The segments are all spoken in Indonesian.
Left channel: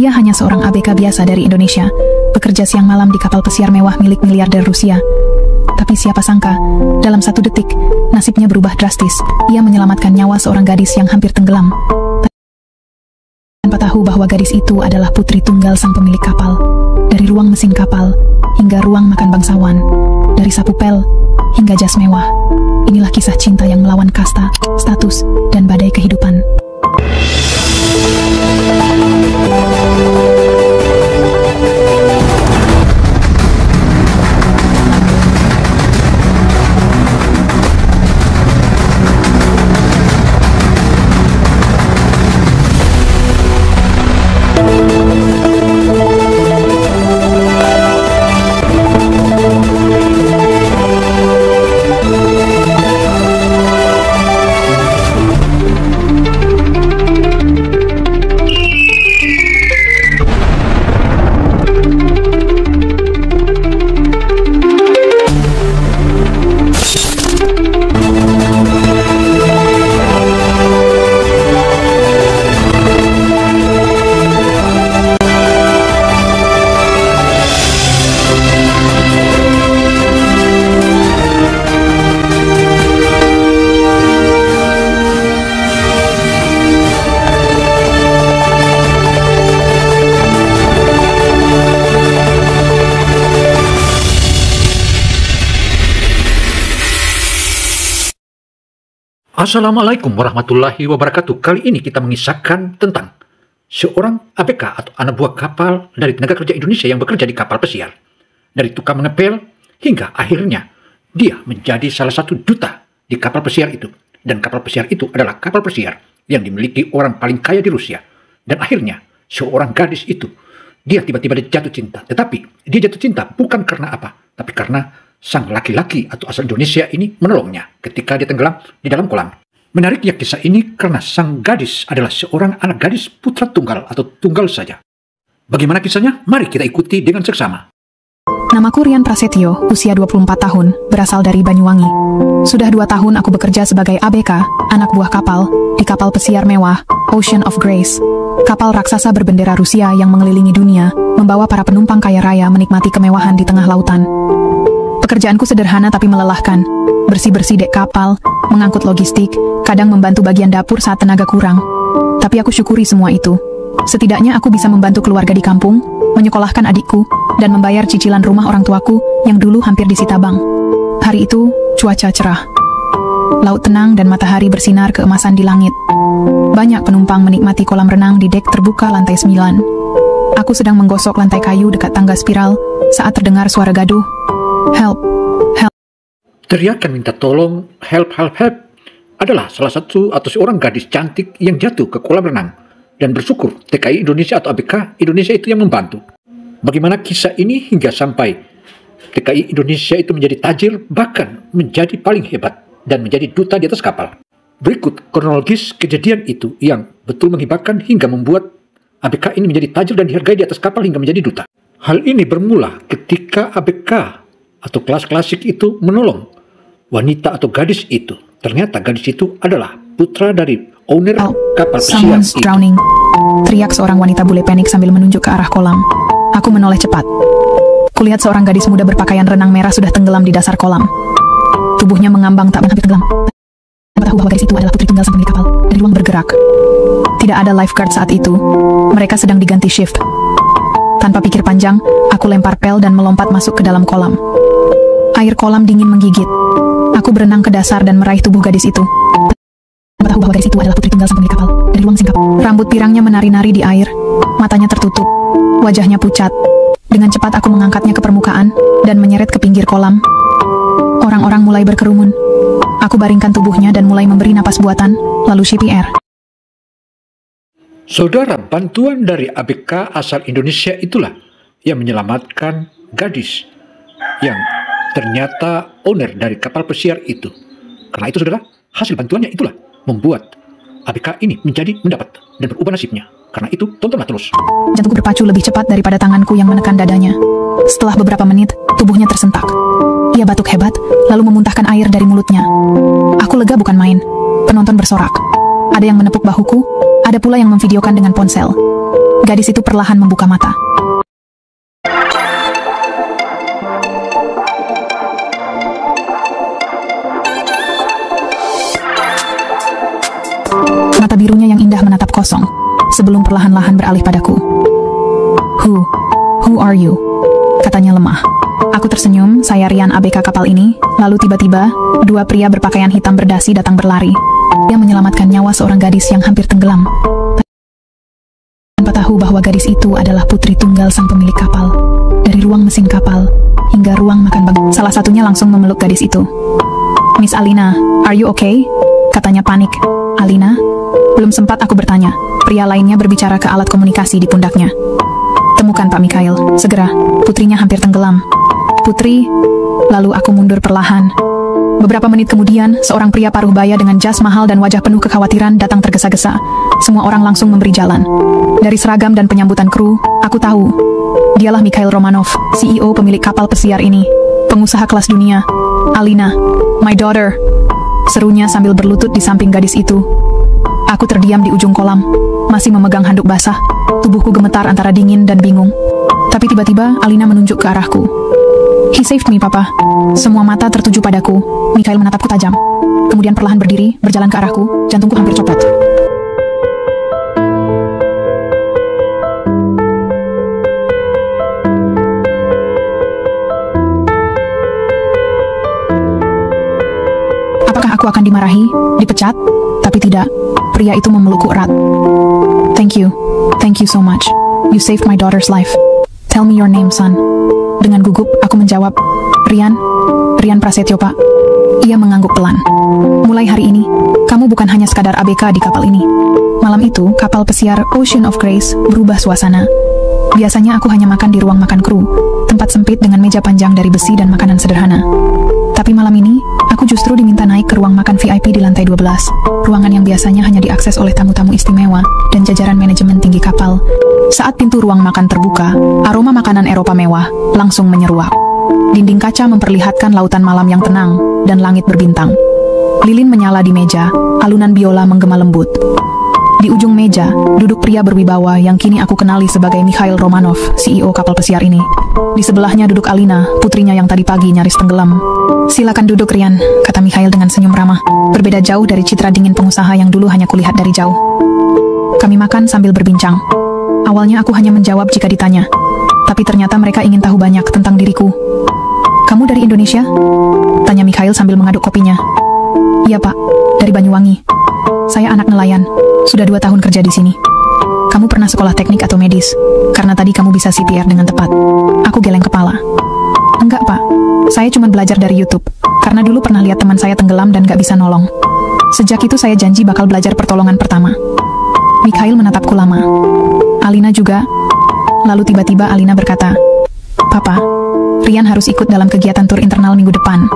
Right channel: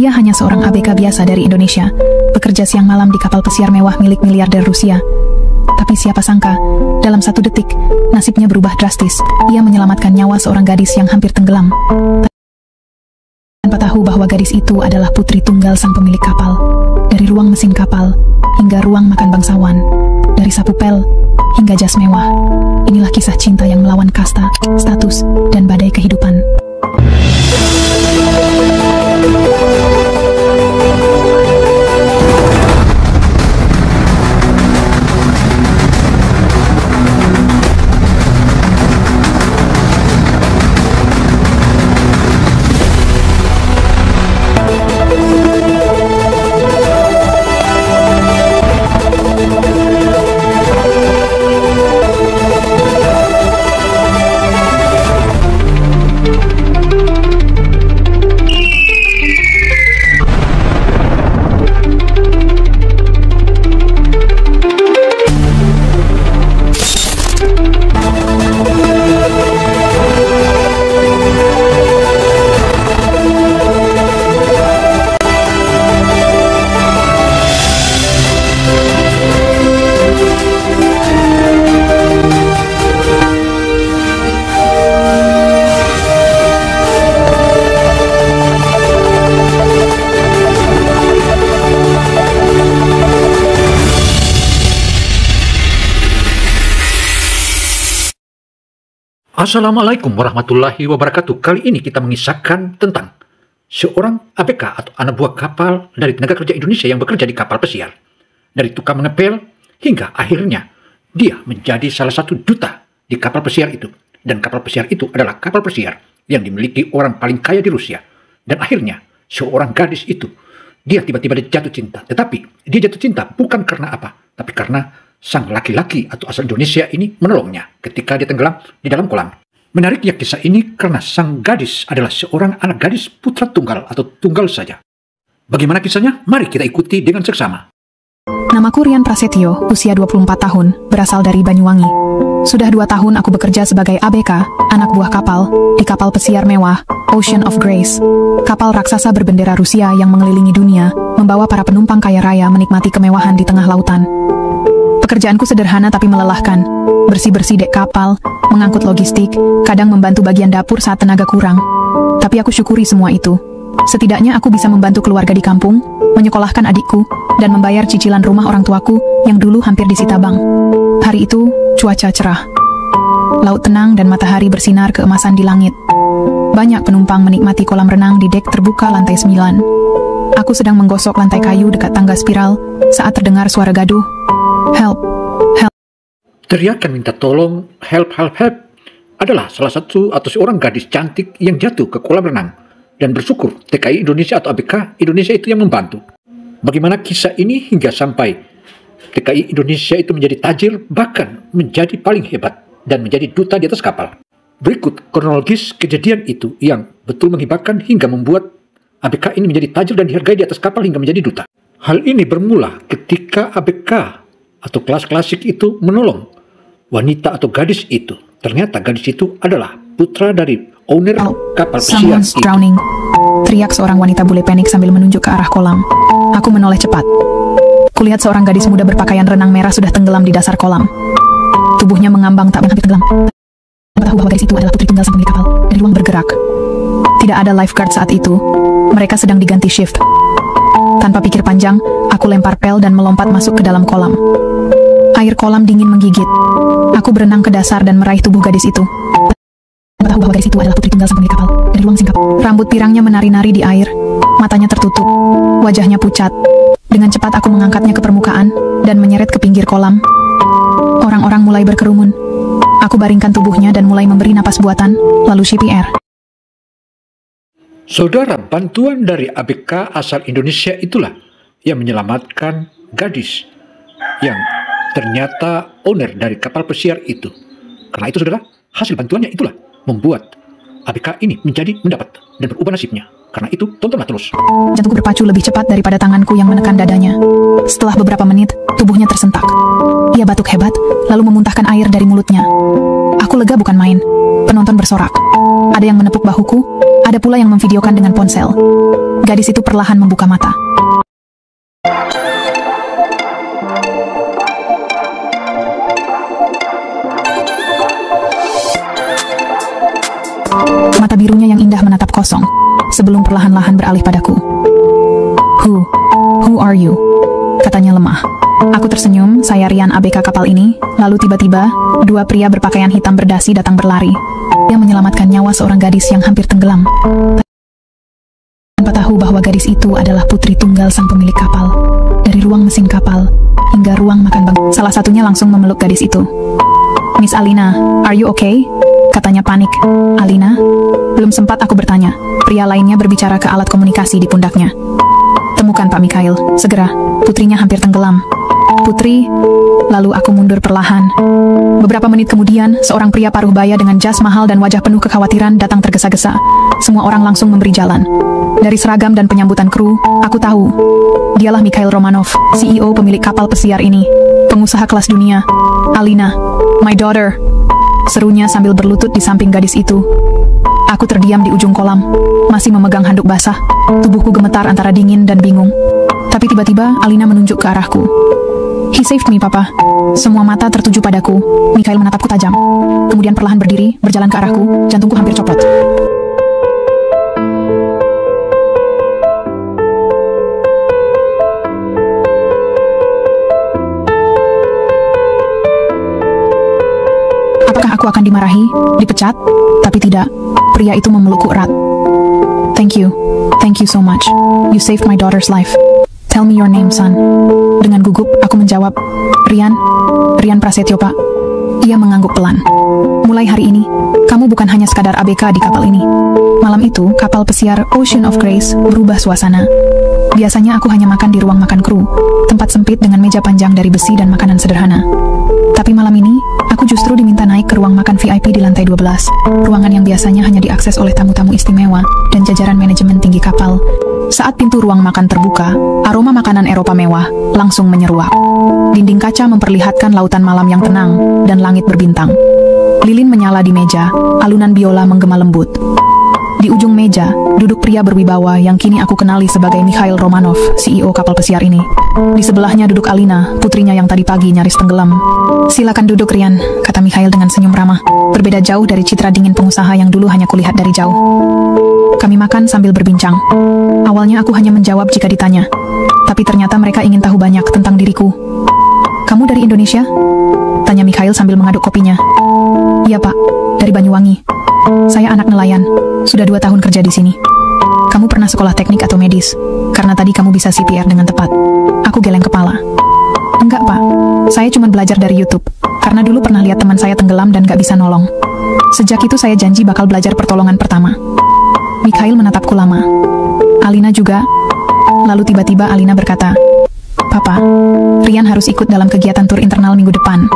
Dia hanya seorang ABK biasa dari Indonesia, bekerja siang malam di kapal pesiar mewah milik miliarder Rusia. Tapi siapa sangka, dalam 1 detik, nasibnya berubah drastis. Ia menyelamatkan nyawa seorang gadis yang hampir tenggelam. Tanpa tahu bahwa gadis itu adalah putri tunggal sang pemilik kapal. Dari ruang mesin kapal, hingga ruang makan bangsawan. Dari sapu pel, hingga jas mewah. Inilah kisah cinta yang melawan kasta, status, dan badai kehidupan. Assalamualaikum warahmatullahi wabarakatuh. Kali ini kita mengisahkan tentang seorang ABK atau anak buah kapal dari tenaga kerja Indonesia yang bekerja di kapal pesiar. Dari tukang mengepel hingga akhirnya dia menjadi salah satu duta di kapal pesiar itu. Dan kapal pesiar itu adalah kapal pesiar yang dimiliki orang paling kaya di Rusia. Dan akhirnya seorang gadis itu, dia tiba-tiba jatuh cinta. Tetapi dia jatuh cinta bukan karena apa, tapi karena sang laki-laki atau asal Indonesia ini menolongnya ketika dia tenggelam di dalam kolam. Menariknya kisah ini karena sang gadis adalah seorang anak gadis putra tunggal atau tunggal saja. Bagaimana kisahnya? Mari kita ikuti dengan seksama. Namaku Rian Prasetyo, usia 24 tahun, berasal dari Banyuwangi. Sudah 2 tahun aku bekerja sebagai ABK, anak buah kapal, di kapal pesiar mewah, Ocean of Grace. Kapal raksasa berbendera Rusia yang mengelilingi dunia, membawa para penumpang kaya raya menikmati kemewahan di tengah lautan. Pekerjaanku sederhana tapi melelahkan. Bersih-bersih dek kapal, mengangkut logistik, kadang membantu bagian dapur saat tenaga kurang. Tapi aku syukuri semua itu. Setidaknya aku bisa membantu keluarga di kampung, menyekolahkan adikku, dan membayar cicilan rumah orang tuaku yang dulu hampir disita bank. Hari itu, cuaca cerah. Laut tenang dan matahari bersinar keemasan di langit. Banyak penumpang menikmati kolam renang di dek terbuka lantai 9. Aku sedang menggosok lantai kayu dekat tangga spiral saat terdengar suara gaduh. Help, help. Teriakan minta tolong, help, help, help, adalah salah satu atau seorang gadis cantik yang jatuh ke kolam renang. Dan bersyukur TKI Indonesia atau ABK Indonesia itu yang membantu. Bagaimana kisah ini hingga sampai TKI Indonesia itu menjadi tajir, bahkan menjadi paling hebat dan menjadi duta di atas kapal. Berikut kronologis kejadian itu yang betul menghibahkan hingga membuat ABK ini menjadi tajir dan dihargai di atas kapal hingga menjadi duta. Hal ini bermula ketika ABK atau kelas klasik itu menolong wanita atau gadis itu. Ternyata gadis itu adalah putra dari owner kapal pesiar itu. Drowning. Teriak seorang wanita bule panik sambil menunjuk ke arah kolam. Aku menoleh cepat. Kulihat seorang gadis muda berpakaian renang merah sudah tenggelam di dasar kolam. Tubuhnya mengambang tak hampir tenggelam. Tahu bahwa gadis itu adalah putri tunggal sang pemilik kapal. Dari ruang bergerak. Tidak ada lifeguard saat itu. Mereka sedang diganti shift. Tanpa pikir panjang, aku lempar pel dan melompat masuk ke dalam kolam. Air kolam dingin menggigit. Aku berenang ke dasar dan meraih tubuh gadis itu. Tahu bahwa gadis itu adalah putri tunggal sang pemilik kapal. Dari ruang singkap. Rambut pirangnya menari-nari di air. Matanya tertutup. Wajahnya pucat. Dengan cepat aku mengangkatnya ke permukaan dan menyeret ke pinggir kolam. Orang-orang mulai berkerumun. Aku baringkan tubuhnya dan mulai memberi napas buatan, lalu CPR. Saudara, bantuan dari ABK asal Indonesia itulah yang menyelamatkan gadis yang ternyata owner dari kapal pesiar itu. Karena itu saudara, hasil bantuannya itulah membuat ABK ini menjadi mendapat dan berubah nasibnya. Karena itu, tontonlah terus. Jantungku berpacu lebih cepat daripada tanganku yang menekan dadanya. Setelah beberapa menit, tubuhnya tersentak. Ia batuk hebat, lalu memuntahkan air dari mulutnya. Aku lega bukan main. Penonton bersorak. Ada yang menepuk bahuku, ada pula yang memvideokan dengan ponsel. Gadis itu perlahan membuka mata. Mata birunya yang indah menatap kosong, sebelum perlahan-lahan beralih padaku. Who are you? Katanya lemah. Aku tersenyum, saya Rian ABK kapal ini. Lalu tiba-tiba, dua pria berpakaian hitam berdasi datang berlari. Dia menyelamatkan nyawa seorang gadis yang hampir tenggelam. Tanpa tahu bahwa gadis itu adalah putri tunggal sang pemilik kapal. Dari ruang mesin kapal hingga ruang makan bagi. Salah satunya langsung memeluk gadis itu. Miss Alina, are you okay? Katanya panik. Alina? Belum sempat aku bertanya. Pria lainnya berbicara ke alat komunikasi di pundaknya. Temukan Pak Mikhail, segera. Putrinya hampir tenggelam. Putri? Lalu aku mundur perlahan. Beberapa menit kemudian, seorang pria paruh baya dengan jas mahal dan wajah penuh kekhawatiran datang tergesa-gesa. Semua orang langsung memberi jalan. Dari seragam dan penyambutan kru, aku tahu. Dialah Mikhail Romanov, CEO pemilik kapal pesiar ini. Pengusaha kelas dunia. Alina, my daughter. Serunya sambil berlutut di samping gadis itu. Aku terdiam di ujung kolam, masih memegang handuk basah. Tubuhku gemetar antara dingin dan bingung. Tapi tiba-tiba Alina menunjuk ke arahku. He saved me, Papa. Semua mata tertuju padaku. Mikhail menatapku tajam. Kemudian perlahan berdiri, berjalan ke arahku. Jantungku hampir copot. Apakah aku akan dimarahi, dipecat? Tapi tidak. Pria itu memelukku erat. Thank you so much. You saved my daughter's life. Tell me your name, son. Dengan gugup, aku menjawab, Rian Prasetyo, Pak. Ia mengangguk pelan. Mulai hari ini, kamu bukan hanya sekadar ABK di kapal ini. Malam itu, kapal pesiar Ocean of Grace berubah suasana. Biasanya aku hanya makan di ruang makan kru, tempat sempit dengan meja panjang dari besi dan makanan sederhana. Tapi malam ini, aku justru diminta naik ke ruang makan VIP di lantai 12. Ruangan yang biasanya hanya diakses oleh tamu-tamu istimewa dan jajaran manajemen tinggi kapal. Saat pintu ruang makan terbuka, aroma makanan Eropa mewah langsung menyeruak. Dinding kaca memperlihatkan lautan malam yang tenang dan langit berbintang. Lilin menyala di meja, alunan biola menggema lembut. Di ujung meja, duduk pria berwibawa yang kini aku kenali sebagai Mikhail Romanov, CEO kapal pesiar ini. Di sebelahnya duduk Alina, putrinya yang tadi pagi nyaris tenggelam. Silakan duduk, Rian, kata Mikhail dengan senyum ramah. Berbeda jauh dari citra dingin pengusaha yang dulu hanya kulihat dari jauh. Kami makan sambil berbincang. Awalnya aku hanya menjawab jika ditanya. Tapi ternyata mereka ingin tahu banyak tentang diriku. Kamu dari Indonesia? Tanya Mikhail sambil mengaduk kopinya. Iya, Pak, dari Banyuwangi. Saya anak nelayan, sudah 2 tahun kerja di sini. Kamu pernah sekolah teknik atau medis? Karena tadi kamu bisa CPR dengan tepat. Aku geleng kepala. Enggak, Pak. Saya cuma belajar dari YouTube. Karena dulu pernah lihat teman saya tenggelam dan gak bisa nolong. Sejak itu saya janji bakal belajar pertolongan pertama. Mikhail menatapku lama. Alina juga. Lalu tiba-tiba Alina berkata, Papa, Rian harus ikut dalam kegiatan tur internal minggu depan.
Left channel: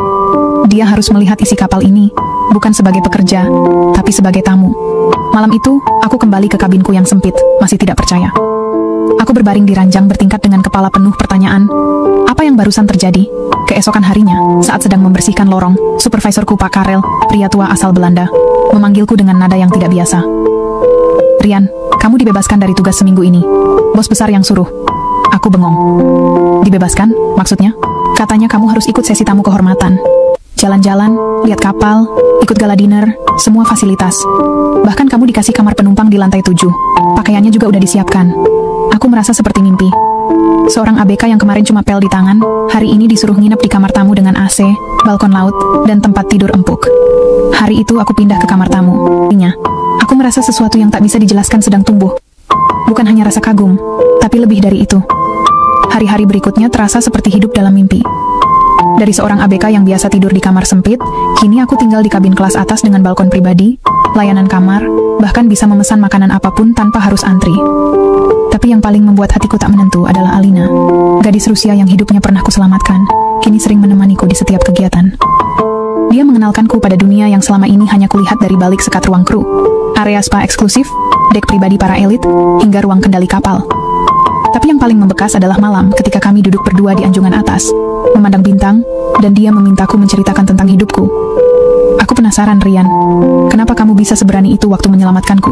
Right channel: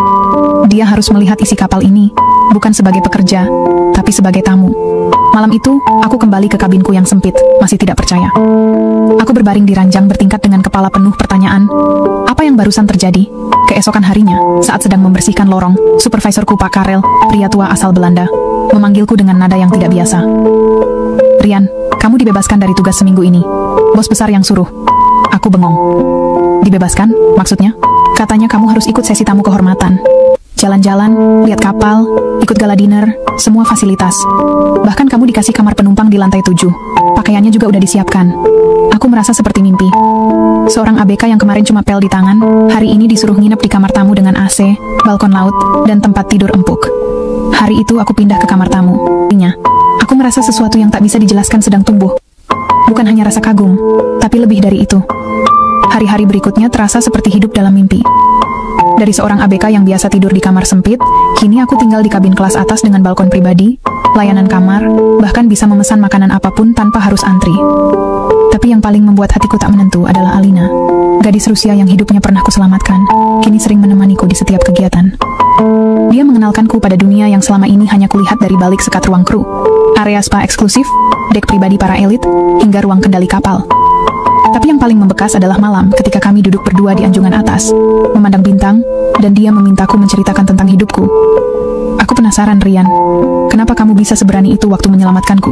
Dia harus melihat isi kapal ini, bukan sebagai pekerja, tapi sebagai tamu. Malam itu, aku kembali ke kabinku yang sempit, masih tidak percaya. Aku berbaring di ranjang bertingkat dengan kepala penuh pertanyaan. Apa yang barusan terjadi? Keesokan harinya, saat sedang membersihkan lorong, supervisorku Pak Karel, pria tua asal Belanda, memanggilku dengan nada yang tidak biasa. Rian, kamu dibebaskan dari tugas seminggu ini. Bos besar yang suruh. Aku bengong. Dibebaskan? Maksudnya? Katanya kamu harus ikut sesi tamu kehormatan. Jalan-jalan, lihat kapal, ikut gala dinner, semua fasilitas. Bahkan kamu dikasih kamar penumpang di lantai 7. Pakaiannya juga udah disiapkan. Aku merasa seperti mimpi. Seorang ABK yang kemarin cuma pel di tangan, hari ini disuruh nginep di kamar tamu dengan AC, balkon laut, dan tempat tidur empuk. Hari itu aku pindah ke kamar tamu. Aku merasa sesuatu yang tak bisa dijelaskan sedang tumbuh. Bukan hanya rasa kagum, tapi lebih dari itu. Hari-hari berikutnya terasa seperti hidup dalam mimpi. Dari seorang ABK yang biasa tidur di kamar sempit, kini aku tinggal di kabin kelas atas dengan balkon pribadi, layanan kamar, bahkan bisa memesan makanan apapun tanpa harus antri. Tapi yang paling membuat hatiku tak menentu adalah Alina, gadis Rusia yang hidupnya pernah kuselamatkan, kini sering menemaniku di setiap kegiatan. Dia mengenal mengenalkanku pada dunia yang selama ini hanya kulihat dari balik sekat ruang kru, area spa eksklusif, dek pribadi para elit, hingga ruang kendali kapal. Tapi yang paling membekas adalah malam ketika kami duduk berdua di anjungan atas, memandang bintang, dan dia memintaku menceritakan tentang hidupku. Aku penasaran, Rian. Kenapa kamu bisa seberani itu waktu menyelamatkanku?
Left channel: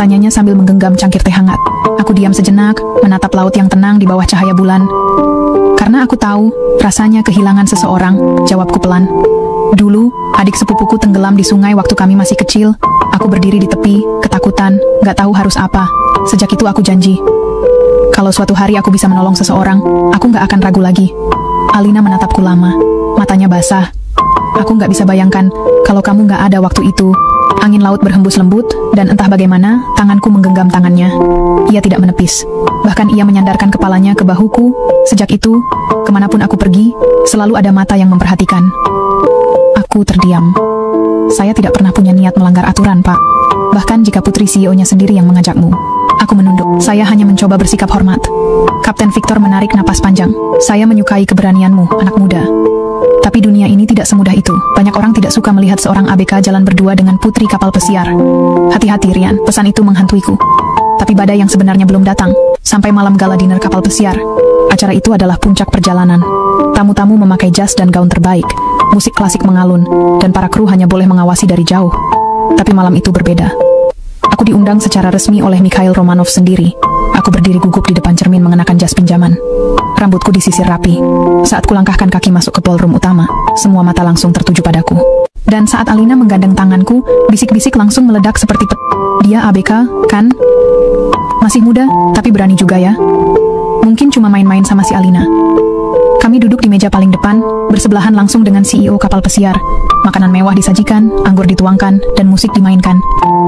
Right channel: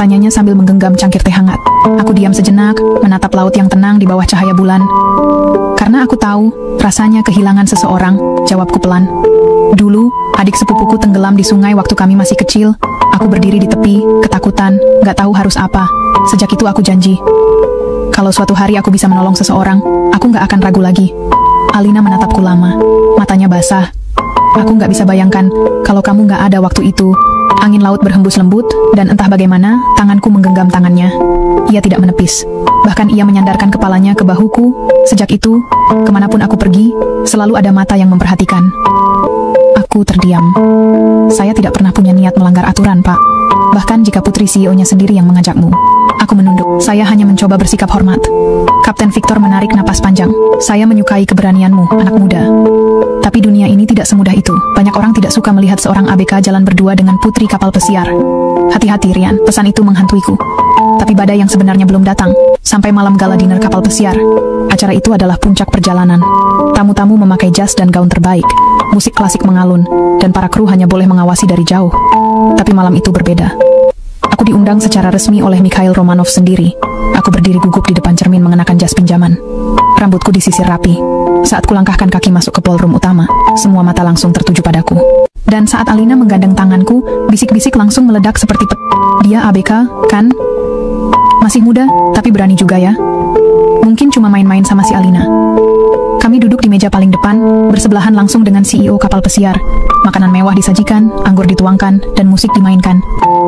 Tanyanya sambil menggenggam cangkir teh hangat. Aku diam sejenak, menatap laut yang tenang di bawah cahaya bulan. Karena aku tahu, rasanya kehilangan seseorang, jawabku pelan. Dulu, adik sepupuku tenggelam di sungai waktu kami masih kecil. Aku berdiri di tepi, ketakutan, gak tahu harus apa. Sejak itu aku janji, kalau suatu hari aku bisa menolong seseorang, aku gak akan ragu lagi. Alina menatapku lama, matanya basah. Aku gak bisa bayangkan kalau kamu gak ada waktu itu. Angin laut berhembus lembut, dan entah bagaimana, tanganku menggenggam tangannya. Ia tidak menepis. Bahkan ia menyandarkan kepalanya ke bahuku. Sejak itu, kemanapun aku pergi, selalu ada mata yang memperhatikan. Aku terdiam. Saya tidak pernah punya niat melanggar aturan, Pak. Bahkan jika putri CEO-nya sendiri yang mengajakmu. Aku menunduk. Saya hanya mencoba bersikap hormat. Kapten Victor menarik napas panjang. Saya menyukai keberanianmu, anak muda. Tapi dunia ini tidak semudah itu. Banyak orang tidak suka melihat seorang ABK jalan berdua dengan putri kapal pesiar. Hati-hati, Rian. Pesan itu menghantuiku. Tapi badai yang sebenarnya belum datang. Sampai malam gala dinner kapal pesiar. Acara itu adalah puncak perjalanan. Tamu-tamu memakai jas dan gaun terbaik. Musik klasik mengalun. Dan para kru hanya boleh mengawasi dari jauh. Tapi malam itu berbeda. Aku diundang secara resmi oleh Mikhail Romanov sendiri. Aku berdiri gugup di depan cermin mengenakan jas pinjaman. Rambutku disisir rapi. Saat kulangkahkan kaki masuk ke ballroom utama, semua mata langsung tertuju padaku. Dan saat Alina menggandeng tanganku, bisik-bisik langsung meledak seperti dia ABK, kan? Masih muda, tapi berani juga ya. Mungkin cuma main-main sama si Alina. Kami duduk di meja paling depan, bersebelahan langsung dengan CEO kapal pesiar. Makanan mewah disajikan, anggur dituangkan, dan musik dimainkan.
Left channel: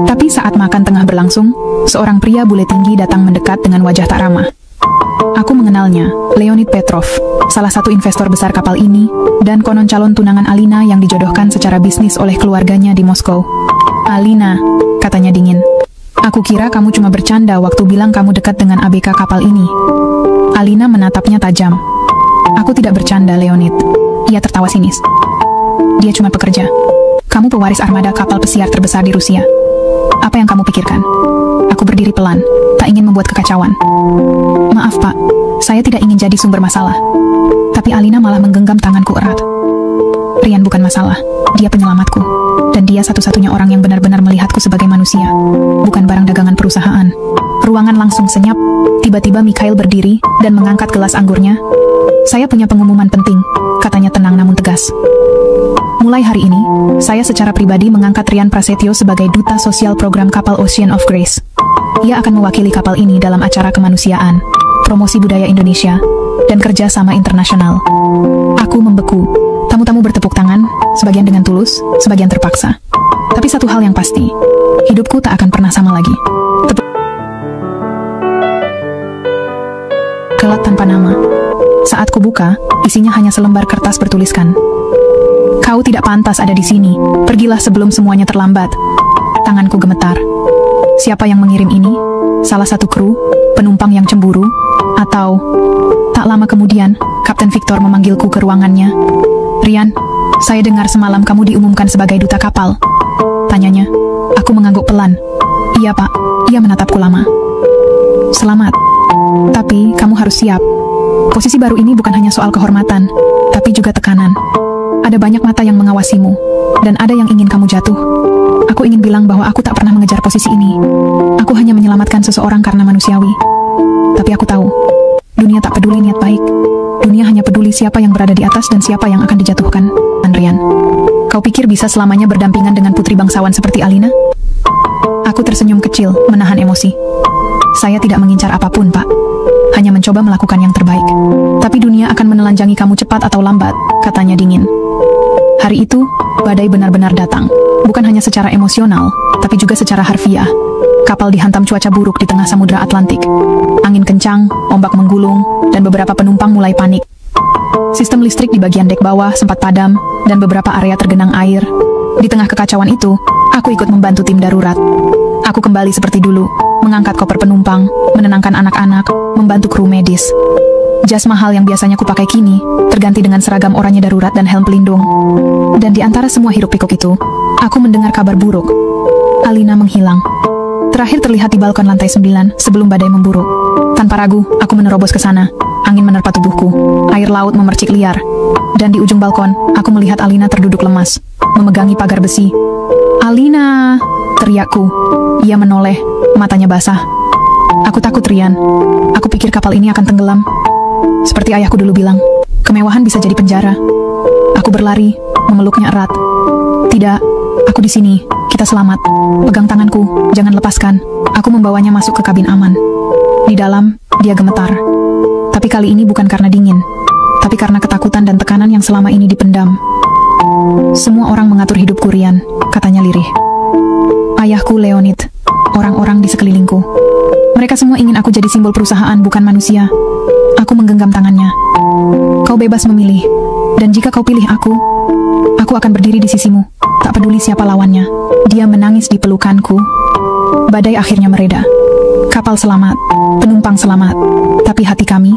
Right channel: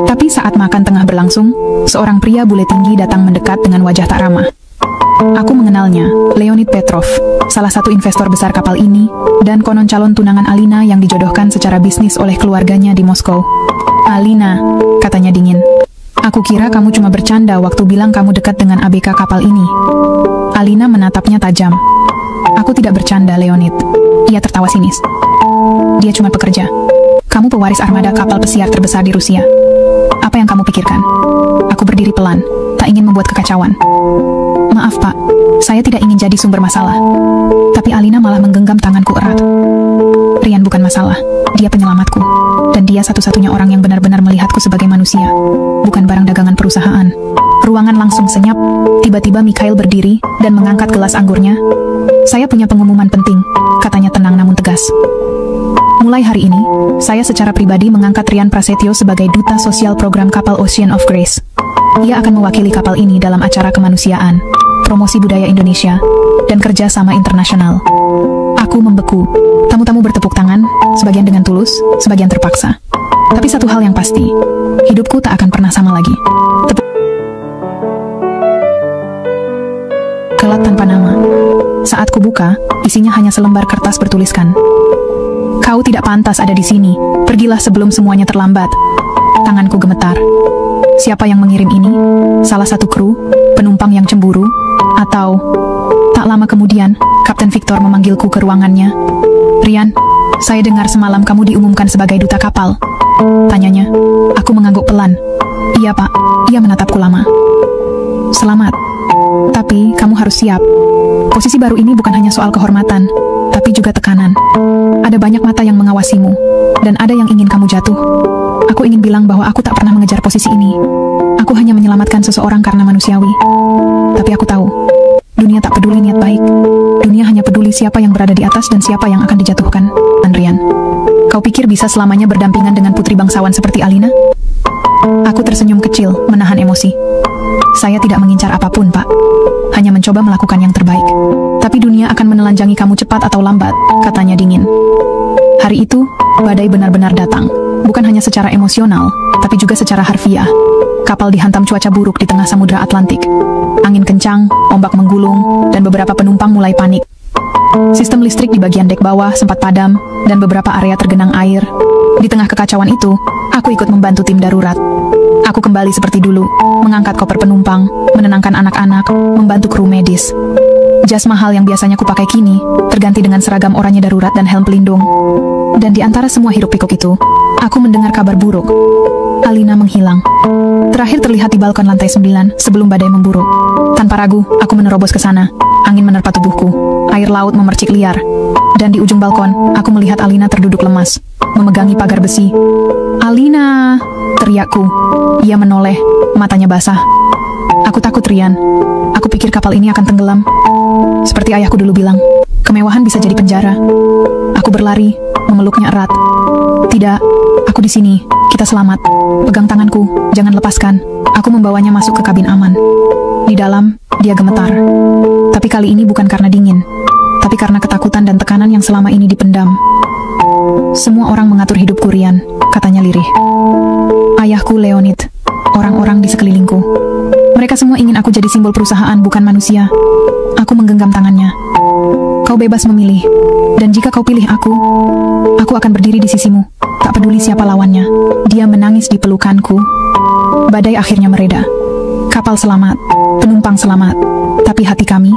Tapi saat makan tengah berlangsung, seorang pria bule tinggi datang mendekat dengan wajah tak ramah. Aku mengenalnya, Leonid Petrov, salah satu investor besar kapal ini, dan konon calon tunangan Alina yang dijodohkan secara bisnis oleh keluarganya di Moskow. Alina, katanya dingin. Aku kira kamu cuma bercanda waktu bilang kamu dekat dengan ABK kapal ini. Alina menatapnya tajam. Aku tidak bercanda, Leonid. Ia tertawa sinis. Dia cuma pekerja. Kamu pewaris armada kapal pesiar terbesar di Rusia. Apa yang kamu pikirkan? Aku berdiri pelan, tak ingin membuat kekacauan. Maaf, Pak. Saya tidak ingin jadi sumber masalah. Tapi Alina malah menggenggam tanganku erat. Rian bukan masalah. Dia penyelamatku. Dan dia satu-satunya orang yang benar-benar melihatku sebagai manusia. Bukan barang dagangan perusahaan. Ruangan langsung senyap. Tiba-tiba Mikhail berdiri dan mengangkat gelas anggurnya. Saya punya pengumuman penting, katanya tenang namun tegas. Mulai hari ini, saya secara pribadi mengangkat Rian Prasetyo sebagai duta sosial program kapal Ocean of Grace. Ia akan mewakili kapal ini dalam acara kemanusiaan, promosi budaya Indonesia, dan kerjasama internasional. Aku membeku. Tamu-tamu bertepuk tangan, sebagian dengan tulus, sebagian terpaksa. Tapi satu hal yang pasti, hidupku tak akan pernah sama lagi. Kelak tanpa nama. Saat kubuka, isinya hanya selembar kertas bertuliskan, "Kau tidak pantas ada di sini. Pergilah sebelum semuanya terlambat." Tanganku gemetar. Siapa yang mengirim ini? Salah satu kru? Penumpang yang cemburu? Atau... Tak lama kemudian, Kapten Victor memanggilku ke ruangannya. "Rian, saya dengar semalam kamu diumumkan sebagai duta kapal." Tanyanya. Aku mengangguk pelan. "Iya, Pak." Ia menatapku lama. "Selamat. Tapi kamu harus siap. Posisi baru ini bukan hanya soal kehormatan, tapi juga tekanan. Ada banyak mata yang mengawasimu, dan ada yang ingin kamu jatuh. Aku ingin bilang bahwa aku tak pernah mengejar posisi ini. Aku hanya menyelamatkan seseorang karena manusiawi. Tapi aku tahu, dunia tak peduli niat baik. Dunia hanya peduli siapa yang berada di atas dan siapa yang akan dijatuhkan." Rian, kau pikir bisa selamanya berdampingan dengan putri bangsawan seperti Alina? Aku tersenyum kecil, menahan emosi. Saya tidak mengincar apapun, Pak. Hanya mencoba melakukan yang terbaik. Tapi dunia akan menelanjangi kamu cepat atau lambat, katanya dingin. Hari itu, badai benar-benar datang. Bukan hanya secara emosional, tapi juga secara harfiah. Kapal dihantam cuaca buruk di tengah Samudra Atlantik. Angin kencang, ombak menggulung, dan beberapa penumpang mulai panik. Sistem listrik di bagian dek bawah sempat padam, dan beberapa area tergenang air. Di tengah kekacauan itu, aku ikut membantu tim darurat. Aku kembali seperti dulu, mengangkat koper penumpang, menenangkan anak-anak, membantu kru medis. Jas mahal yang biasanya kupakai kini terganti dengan seragam oranye darurat dan helm pelindung. Dan di antara semua hiruk pikuk itu, aku mendengar kabar buruk. Alina menghilang. Terakhir terlihat di balkon lantai 9 sebelum badai memburuk. Tanpa ragu, aku menerobos ke sana. Angin menerpa tubuhku. Air laut memercik liar. Dan di ujung balkon, aku melihat Alina terduduk lemas, memegangi pagar besi. "Alina!" teriakku. Ia menoleh, matanya basah. Aku takut, Rian. Aku pikir kapal ini akan tenggelam. Seperti ayahku dulu bilang, kemewahan bisa jadi penjara. Aku berlari, memeluknya erat. "Tidak, aku di sini. Kita selamat. Pegang tanganku, jangan lepaskan." Aku membawanya masuk ke kabin aman. Di dalam, dia gemetar. Tapi kali ini bukan karena dingin, tapi karena ketakutan dan tekanan yang selama ini dipendam. "Semua orang mengatur hidupku, Rian," katanya lirih. "Ayahku, Leonid, orang-orang di sekelilingku. Mereka semua ingin aku jadi simbol perusahaan, bukan manusia." Aku menggenggam tangannya. "Kau bebas memilih. Dan jika kau pilih aku akan berdiri di sisimu. Tak peduli siapa lawannya." Dia menangis di pelukanku. Badai akhirnya mereda. Kapal selamat, penumpang selamat. Tapi hati kami,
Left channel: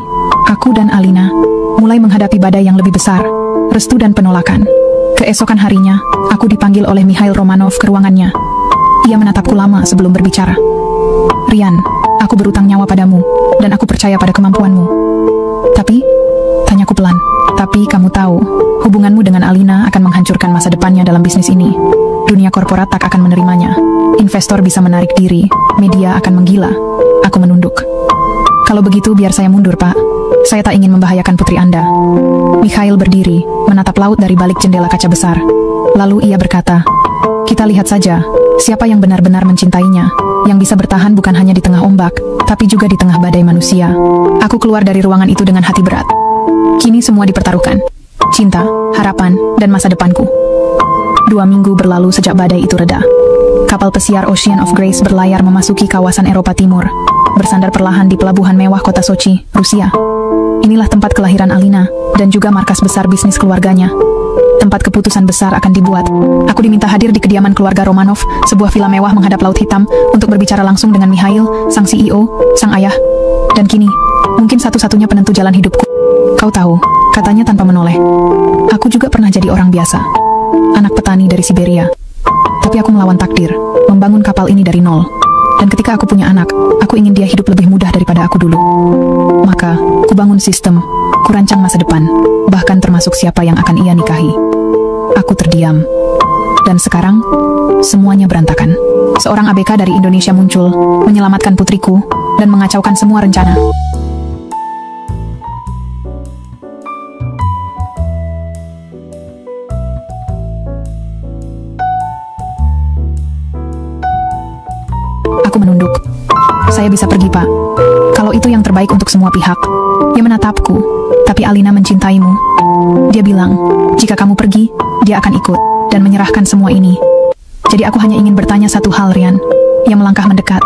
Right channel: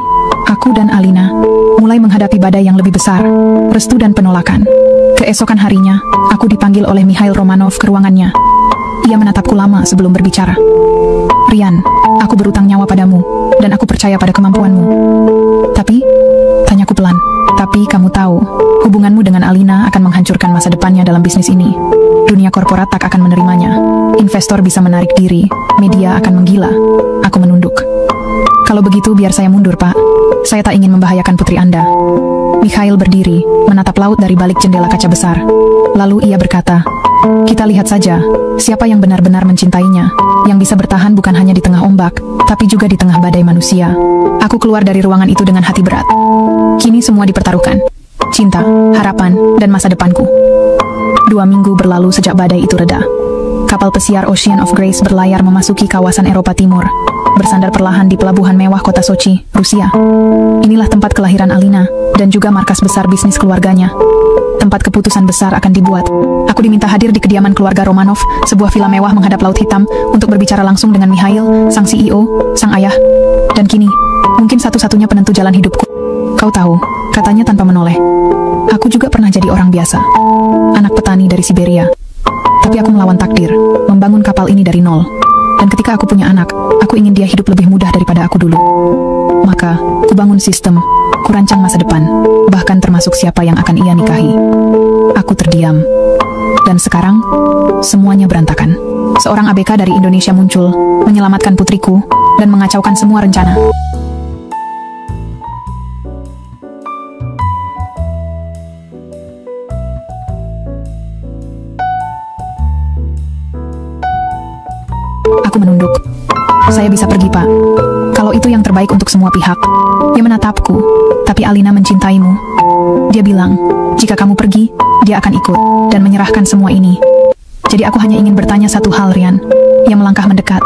aku dan Alina, mulai menghadapi badai yang lebih besar, restu dan penolakan. Keesokan harinya, aku dipanggil oleh Mikhail Romanov ke ruangannya. Ia menatapku lama sebelum berbicara. "Rian, aku berutang nyawa padamu, dan aku percaya pada kemampuanmu. Tapi," tanyaku pelan, "tapi kamu tahu, hubunganmu dengan Alina akan menghancurkan masa depannya dalam bisnis ini. Dunia korporat tak akan menerimanya. Investor bisa menarik diri, media akan menggila." Aku menunduk. "Kalau begitu biar saya mundur, Pak. Saya tak ingin membahayakan putri Anda." Mikhail berdiri, menatap laut dari balik jendela kaca besar. Lalu ia berkata, "Kita lihat saja, siapa yang benar-benar mencintainya, yang bisa bertahan bukan hanya di tengah ombak, tapi juga di tengah badai manusia." Aku keluar dari ruangan itu dengan hati berat. Kini semua dipertaruhkan. Cinta, harapan, dan masa depanku. 2 minggu berlalu sejak badai itu reda. Kapal pesiar Ocean of Grace berlayar memasuki kawasan Eropa Timur, bersandar perlahan di pelabuhan mewah kota Sochi, Rusia. Inilah tempat kelahiran Alina, dan juga markas besar bisnis keluarganya. Tempat keputusan besar akan dibuat. Aku diminta hadir di kediaman keluarga Romanov, sebuah villa mewah menghadap Laut Hitam, untuk berbicara langsung dengan Mikhail, sang CEO, sang ayah. Dan kini, mungkin satu-satunya penentu jalan hidupku. "Kau tahu," katanya tanpa menoleh, "aku juga pernah jadi orang biasa. Anak petani dari Siberia. Tapi aku melawan takdir, membangun kapal ini dari nol. Dan ketika aku punya anak, aku ingin dia hidup lebih mudah daripada aku dulu. Maka, kubangun sistem, kurancang masa depan, bahkan termasuk siapa yang akan ia nikahi." Aku terdiam. Dan sekarang, semuanya berantakan. Seorang ABK dari Indonesia muncul, menyelamatkan putriku, dan mengacaukan semua rencana. Aku menunduk. "Saya bisa pergi, Pak. Kalau itu yang terbaik untuk semua pihak." Dia menatapku, "Tapi Alina mencintaimu." Dia bilang, "Jika kamu pergi, dia akan ikut dan menyerahkan semua ini." Jadi aku hanya ingin bertanya satu hal, Rian. Ia melangkah mendekat.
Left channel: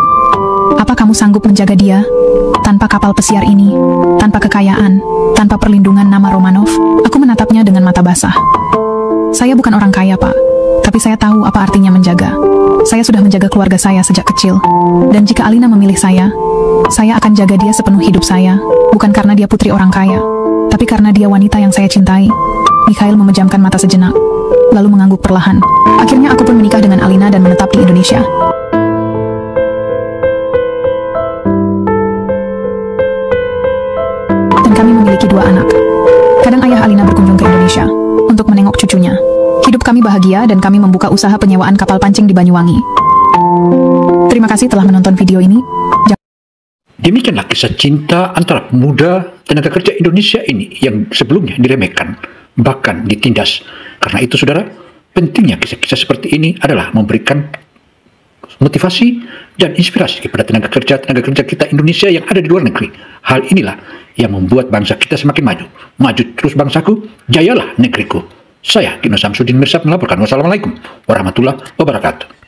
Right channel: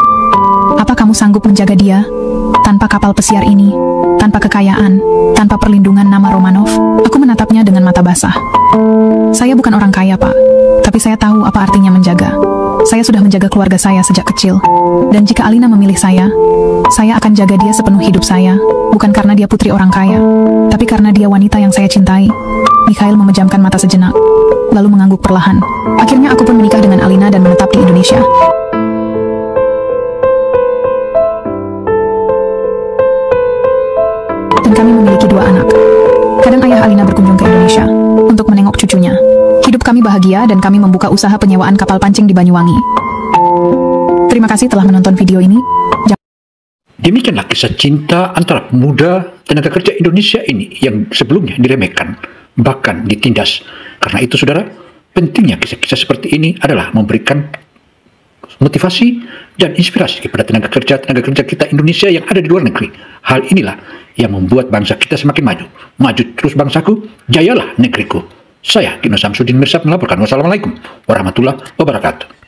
"Apa kamu sanggup menjaga dia? Tanpa kapal pesiar ini, tanpa kekayaan, tanpa perlindungan nama Romanov?" Aku menatapnya dengan mata basah. "Saya bukan orang kaya, Pak. Tapi saya tahu apa artinya menjaga. Saya sudah menjaga keluarga saya sejak kecil. Dan jika Alina memilih saya akan jaga dia sepenuh hidup saya. Bukan karena dia putri orang kaya, tapi karena dia wanita yang saya cintai." Mikhail memejamkan mata sejenak, lalu mengangguk perlahan. "Akhirnya aku pun menikah dengan Alina dan menetap di Indonesia. Dan kami memiliki 2 anak. Kadang ayah Alina berkunjung ke Indonesia untuk menengok cucunya. Hidup kami bahagia dan kami membuka usaha penyewaan kapal pancing di Banyuwangi." Terima kasih telah menonton video ini. Demikianlah kisah cinta antara pemuda tenaga kerja Indonesia ini yang sebelumnya diremehkan, bahkan ditindas. Karena itu, saudara, pentingnya kisah-kisah seperti ini adalah memberikan motivasi dan inspirasi kepada tenaga kerja kita Indonesia yang ada di luar negeri. Hal inilah yang membuat bangsa kita semakin maju. Maju terus bangsaku, jayalah negeriku. Saya, Kino Samsudin Mirsad, melaporkan. Wassalamualaikum warahmatullahi wabarakatuh.